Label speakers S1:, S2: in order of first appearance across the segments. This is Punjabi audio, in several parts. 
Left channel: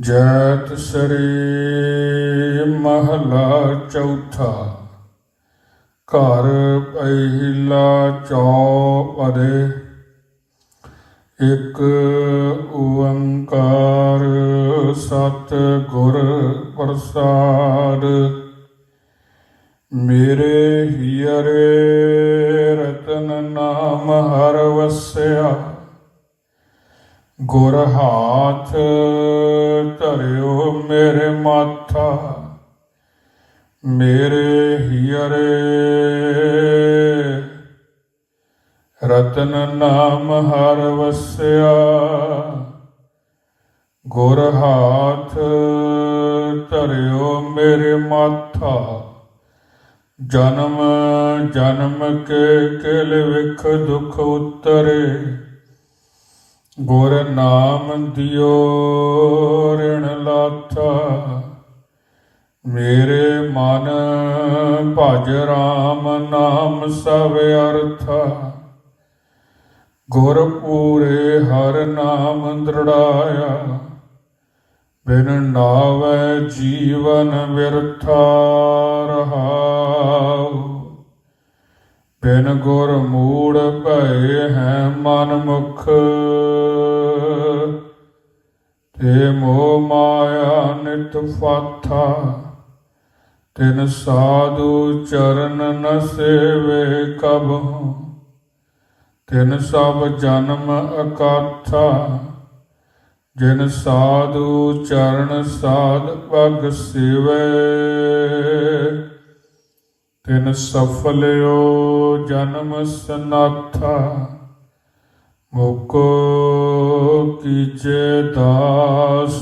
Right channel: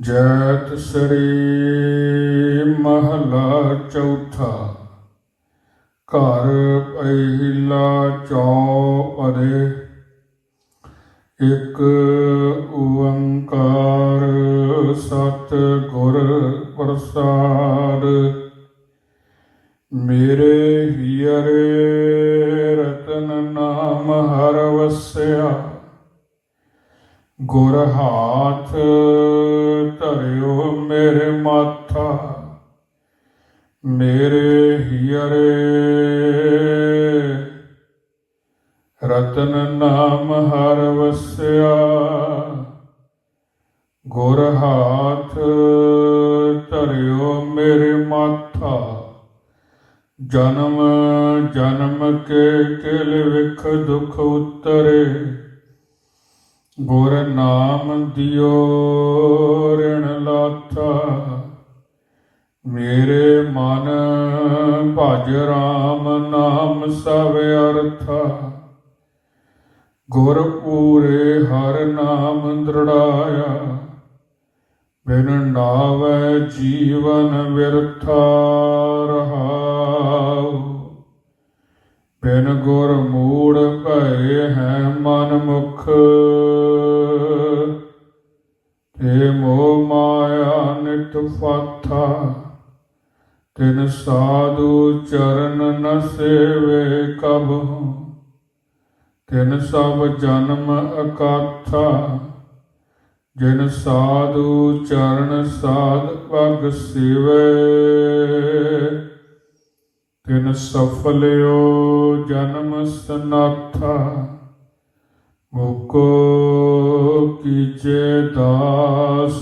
S1: ਜੈਤ ਸ੍ਰੀ ਮਹਲਾ ਚੌਥਾ। ਘਰ ਪਹਿਲਾ ਚੌਪਦੇ ਇੱਕ ਓੰਕਾਰ ਸਤ ਗੁਰ ਪ੍ਰਸਾਦ। ਮੇਰੇ ਹੀਰੇ ਗੁਰ ਹਾਥ ਧਰਿਓ ਮੇਰੇ ਮਾਥਾ, ਮੇਰੇ ਹੀਰੇ ਰਤਨ ਨਾਮ ਹਰ ਵਸਿਆ, ਗੁਰ ਹਾਥ ਧਰਿਓ ਮੇਰੇ ਮਾਥਾ। ਜਨਮ ਜਨਮ ਕੇ ਕਿਲ ਵਿਖ ਦੁਖ ਉਤਰੇ। ਗੁਰ ਨਾਮ ਦਿਓ, ਰਿਣ ਲਾਥਾ। ਮੇਰੇ ਮਨ ਭਜ ਰਾਮ ਨਾਮ ਸਭ ਅਰਥਾ। ਗੁਰ ਪੂਰੇ ਹਰ ਨਾਮ ਦ੍ਰਿੜਾਇਆ। ਬਿਨ ਨਾਵੈ ਜੀਵਨ ਵਿਰਥਾ ਰਹਾਉ ਬਿਨ ਗੁਰ ਮੂੜ ਭਏ ਹੈ ਮਨ ਮੁਖ। ਤੇ ਮੋਹ ਮਾਇਆ ਨਿਤ ਫਾਥਾ ਤਿਨ ਸਾਧੂ ਚਰਨ ਨ ਸੇਵੇ ਕਬਹੁ ਤਿਨ ਸਭ ਜਨਮ ਅਕਾਥਾ, ਜਿਨ ਸਾਧੂ ਚਰਨ ਸਾਧ ਪਗ ਸਿਵੇ। ਤਿਨ ਸਫਲਿਓ ਜਨਮ ਸਨਾਥਾ, ਮੁਕੋ ਕੀਜੇ ਦਾਸ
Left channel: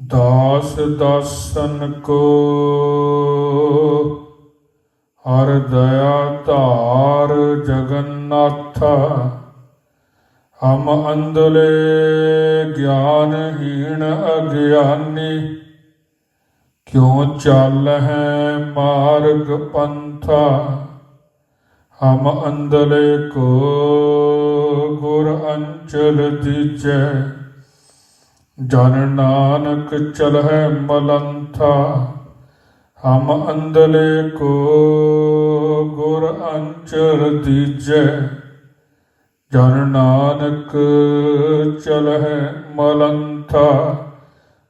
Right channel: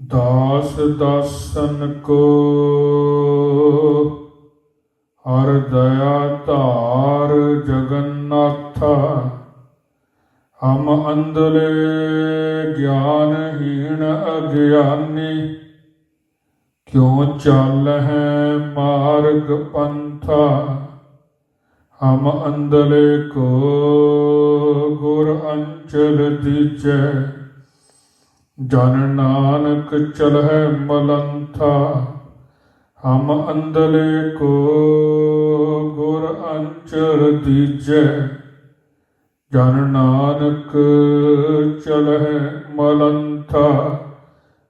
S1: ਦਾਸ ਦਾਸਨ ਕੋ। ਹਰ ਦਇਆ ਧਾਰ ਜਗਨਨਾਥਾ, ਹਮ ਅੰਦਲੇ ਗਿਆਨਹੀਣ ਅਗਿਆਨੀ। ਕਿਉ ਚੱਲ ਹੈ ਮਾਰਗ ਪੰਥਾ? ਹਮ ਅੰਦਲੇ ਕੋ ਗੁਰ ਅੰਚਲ ਦੀਜੈ। ਜਨ ਨਾਨਕ ਚਲ ਹੈ ਮਲੰਥਾ। ਹਮ ਅੰਦਲੇ ਕੋ ਗੁਰ ਅੰਚਲ ਦੀਜੈ। ਜਨ ਨਾਨਕ ਚਲ ਹੈ ਮਲੰਥਾ।